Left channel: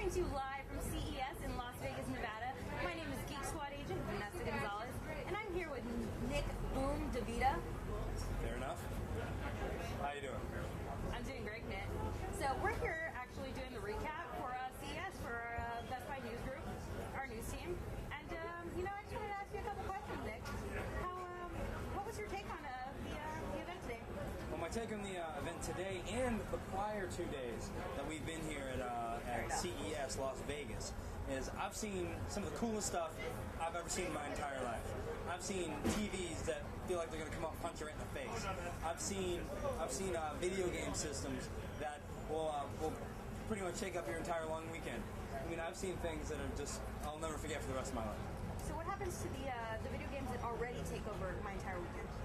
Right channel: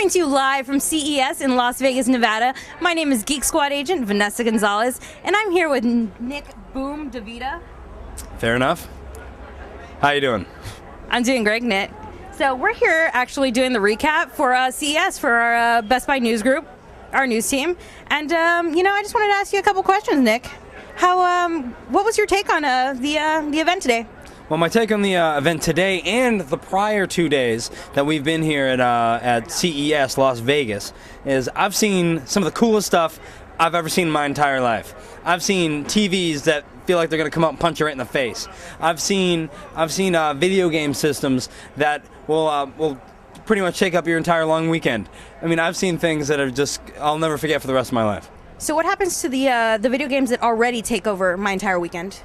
Coming to you live from CES in Las Vegas, Nevada. My name is Geek Squad agent Vanessa Gonzalez, and I'm here with Nick Boom DeVita. Fair enough. How you doing? I'm doing great, Nick. So we're here actually doing the recap for CES for our Best Buy News Group, our news team. And, I just wanted to ask you a couple questions, Nick. What was your take on the event today? Well, my take on the event today and the prior 2 days that we've been here at CES Las Vegas is I've seen some of the coolest stuff I've ever seen in my entire life. I've seen TVs that feel like they're going to come up and punch you right in the face. I've seen video game systems that will pretty much shake up your entire long weekend. I mean, I've seen things that are just I'll never forget for the rest of my life. So what happens to the video games that already take over my entire weekend?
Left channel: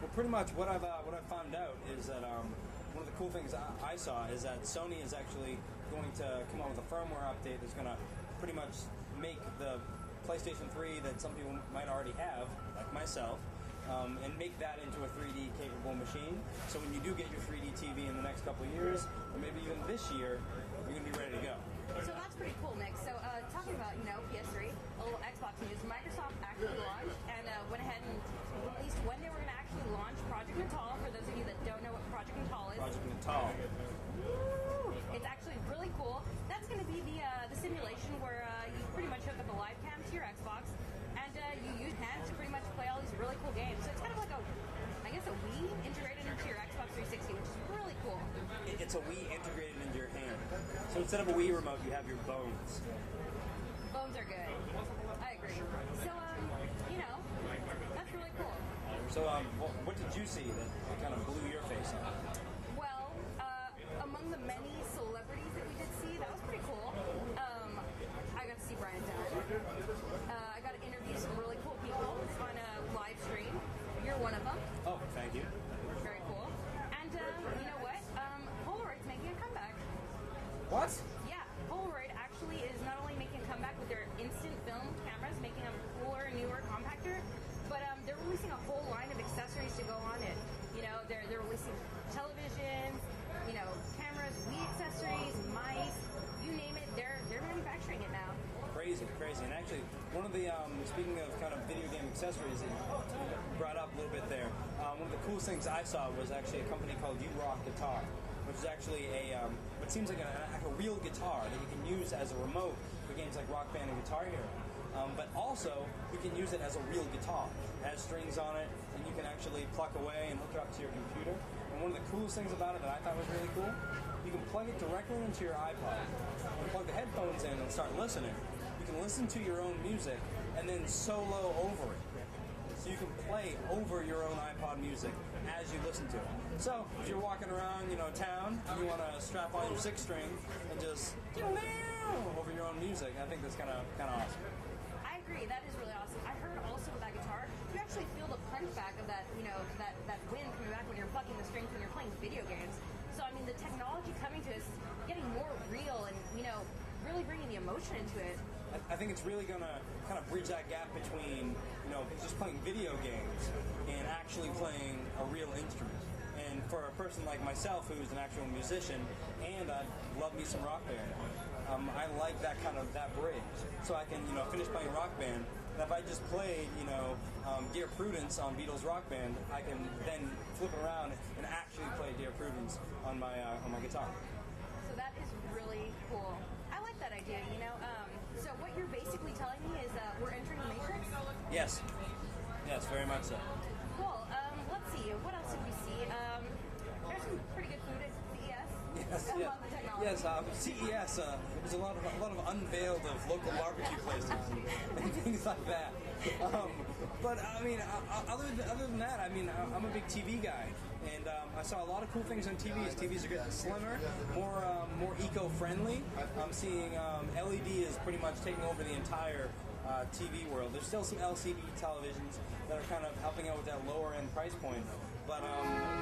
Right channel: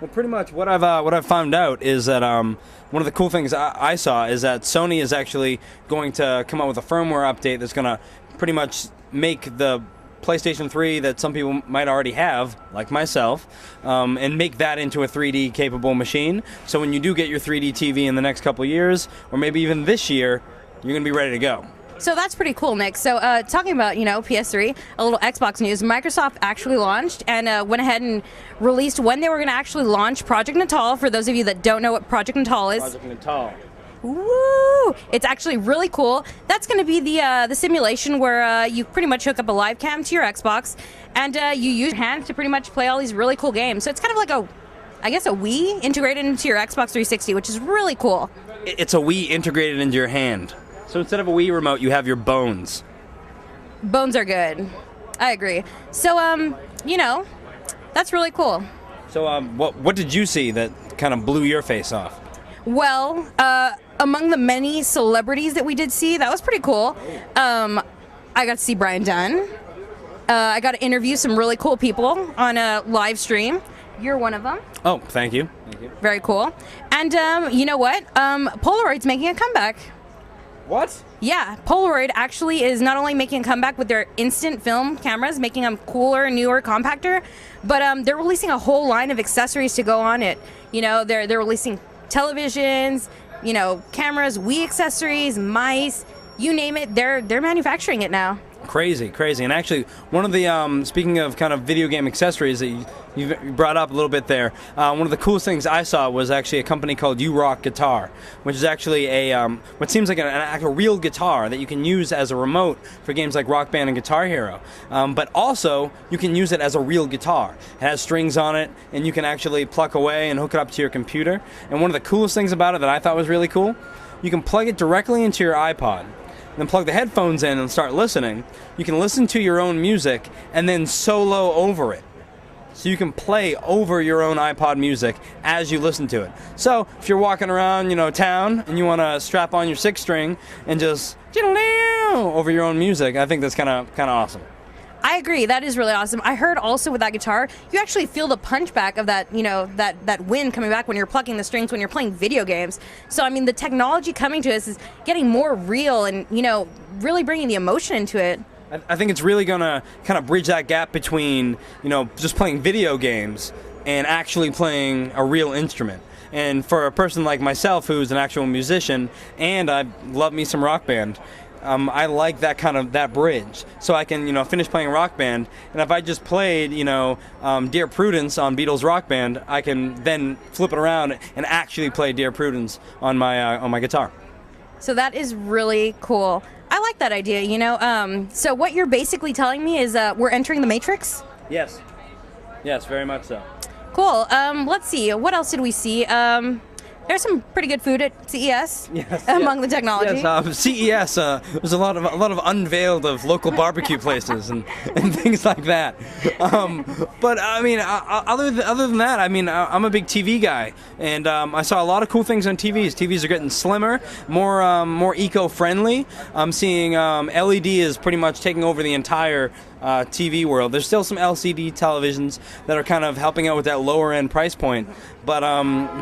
Well, pretty much what I've found out is that one of the cool things I saw is that Sony is actually going to come out with a firmware update that's going to pretty much make the PlayStation 3 that some people might already have, like myself, and make that into a 3D capable machine. So when you do get your 3D TV in the next couple of years, or maybe even this year, you're going to be ready to go. So that's pretty cool, Nick. So talking about, PS3, a little Xbox news, Microsoft actually launched and went ahead and released when they were going to actually launch Project Natal. For those of you that don't know what Project Natal is. Project Natal. Woo! It's actually really cool. That's going to be the simulation where you pretty much hook up a live cam to your Xbox and you use your hands to pretty much play all these really cool games. So it's kind of like a Wii integrated into your Xbox 360, which is really cool. It's a Wii integrated into your hand. So instead of a Wii remote, you have your bones. Bones are good. I agree. So, that's really cool. So, what did you see that kind of blew your face off? Well, among the many celebrities that we did see, that was pretty cool. I got to see Brian Dunn. I got to interview some really cool people on a live stream. You're one of them. Oh, thank you. Thank you. Very cool. And you know what? Polaroid's making a comeback. What? Yeah, Polaroid actually is not only making a comeback with their instant film cameras, making them cooler, newer, compactor, but they're releasing a whole line of accessories to go on it. They're releasing televisions, cameras, Wii accessories, mice, you name it. They're manufacturing it now. Crazy. And actually, one of the speaking of kind of video game accessories that you brought up a little bit there, one of the coolest things I saw was actually a company called U-Rock Guitar, which is actually what seems like a real guitar that you can use as a remote for games like Rock Band and Guitar Hero. But also, you can use it as a real guitar. It has strings on it, and you can actually pluck away and hook it up to your computer. And one of the coolest things about it that I thought was really cool, you can plug it directly into your iPod. Then plug the headphones in and start listening. You can listen to your own music and then solo over it. So you can play over your own iPod music as you listen to it. So if you're walking around, town and you want to strap on your 6-string and just over your own music, I think that's kind of awesome. I agree. That is really awesome. I heard also with that guitar, you actually feel the punch back of that, that wind coming back when you're plucking the strings when you're playing video games. So, I mean, the technology coming to us is getting more real and, really bringing the emotion into it. I think it's really going to kind of bridge that gap between, just playing video games and actually playing a real instrument. And for a person like myself who's an actual musician and I love me some Rock Band, I like that bridge, so I can finish playing Rock Band, and if I just played Dear Prudence on Beatles Rock Band, I can then flip it around and actually play Dear Prudence on my guitar. So that is really cool. I like that idea. So what you're basically telling me is we're entering the Matrix? Yes, very much so. Cool. Let's see. What else did we see? There's some pretty good food at CES among the technology. Yes, CES. There's a lot of unveiled of local barbecue places and things like that. But I mean, other than that, I mean, I'm a big TV guy, and I saw a lot of cool things on TVs. TVs are getting slimmer, more eco-friendly. I'm seeing LED is pretty much taking over the entire TV world. There's still some LCD televisions that are kind of helping out with that lower end price point, but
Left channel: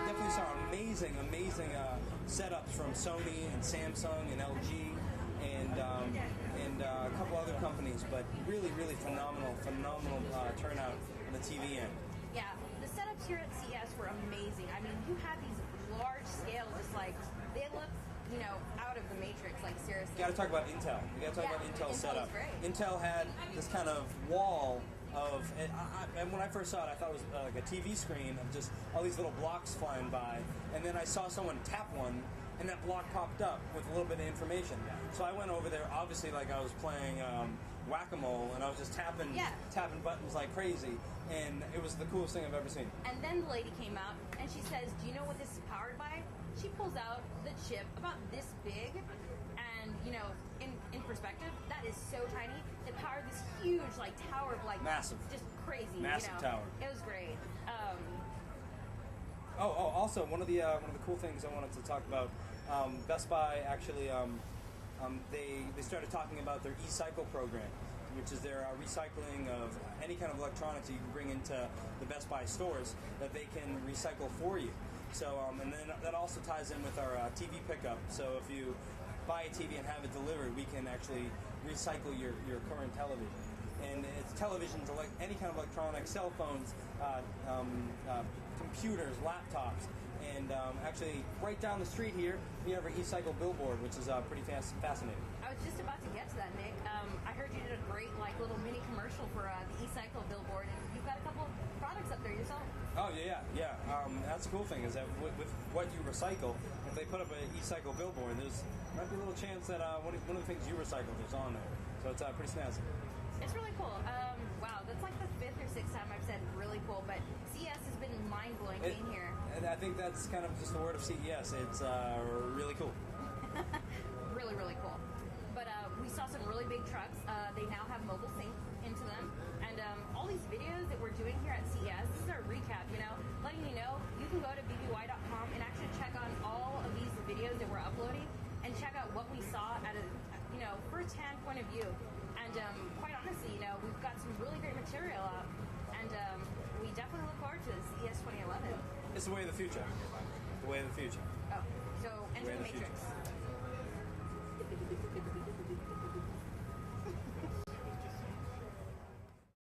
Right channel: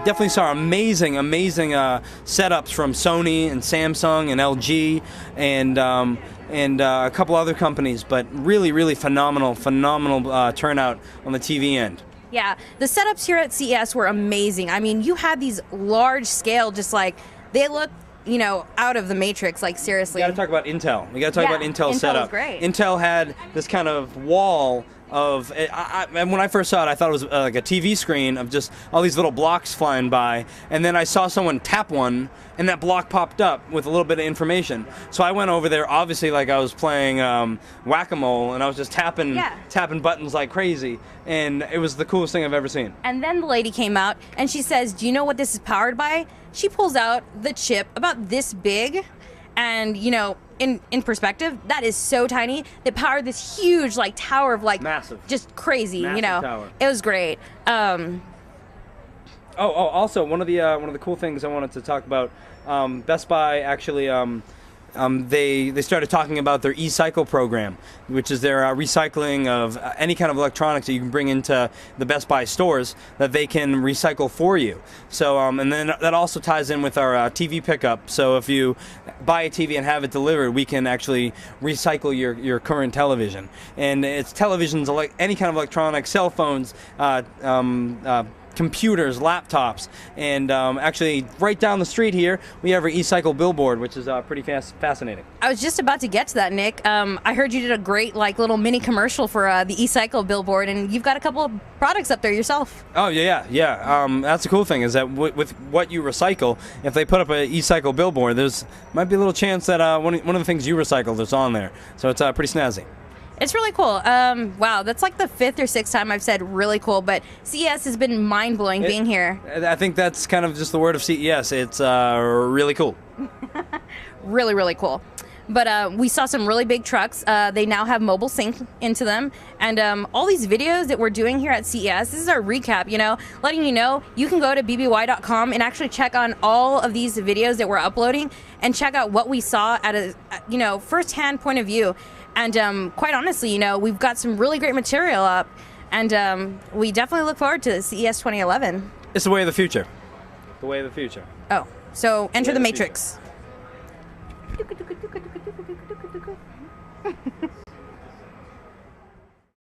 definitely saw amazing setups from Sony and Samsung and LG and a couple other companies, but really phenomenal turnout on the TV end. Yeah, the setups here at CES were amazing. I mean, you had these large scale, just like, they look out of the Matrix. Like, seriously. We got to talk about Intel. We got to talk Yeah, about Intel's Intel setup. is great. Intel had this kind of wall of, and when I first saw it, I thought it was like a TV screen of just all these little blocks flying by, and then I saw someone tap one, and that block popped up with a little bit of information. So I went over there, obviously like I was playing whack-a-mole, and I was just tapping buttons like crazy, and it was the coolest thing I've ever seen. And then the lady came out, and she says, do you know what this is powered by? She pulls out the chip about this big, and in perspective, that is so tiny. That powered this huge like tower of like massive, just crazy. massive tower. It was great. Also one of the cool things I wanted to talk about. Best Buy actually they started talking about their e-cycle program, which is their recycling of any kind of electronics that you can bring into the Best Buy stores that they can recycle for you. So and then that also ties in with our TV pickup. So if you buy a TV and have it delivered, we can actually recycle your current television. And it's televisions, like any kind of electronics, cell phones, computers, laptops, and actually right down the street here we have our e-cycle billboard, which is pretty fascinating. I was just about to get to that, Nick. I heard you did a great like little mini commercial for the e-cycle billboard, and you've got a couple of products up there yourself. Oh yeah. That's the cool thing is that with what you recycle, if they put up an e-cycle billboard, there's might be a little chance that one of the things you recycled is on there. So it's pretty snazzy. It's really cool. Wow, that's like the 5th or 6th time I've said really cool, but CES has been mind-blowing being here. I think that's kind of just the word of CES. It's really cool. Really, really cool. But we saw some really big trucks. They now have mobile sync into them. And all these videos that we're doing here at CES, this is our recap, letting you know you can go to bby.com and actually check on all of these videos that we're uploading and check out what we saw at a first-hand point of view. And quite honestly, we've got some really great material up, and we definitely look forward to CES 2011. It's the way of the future. The way of the future. Oh, so enter the Matrix.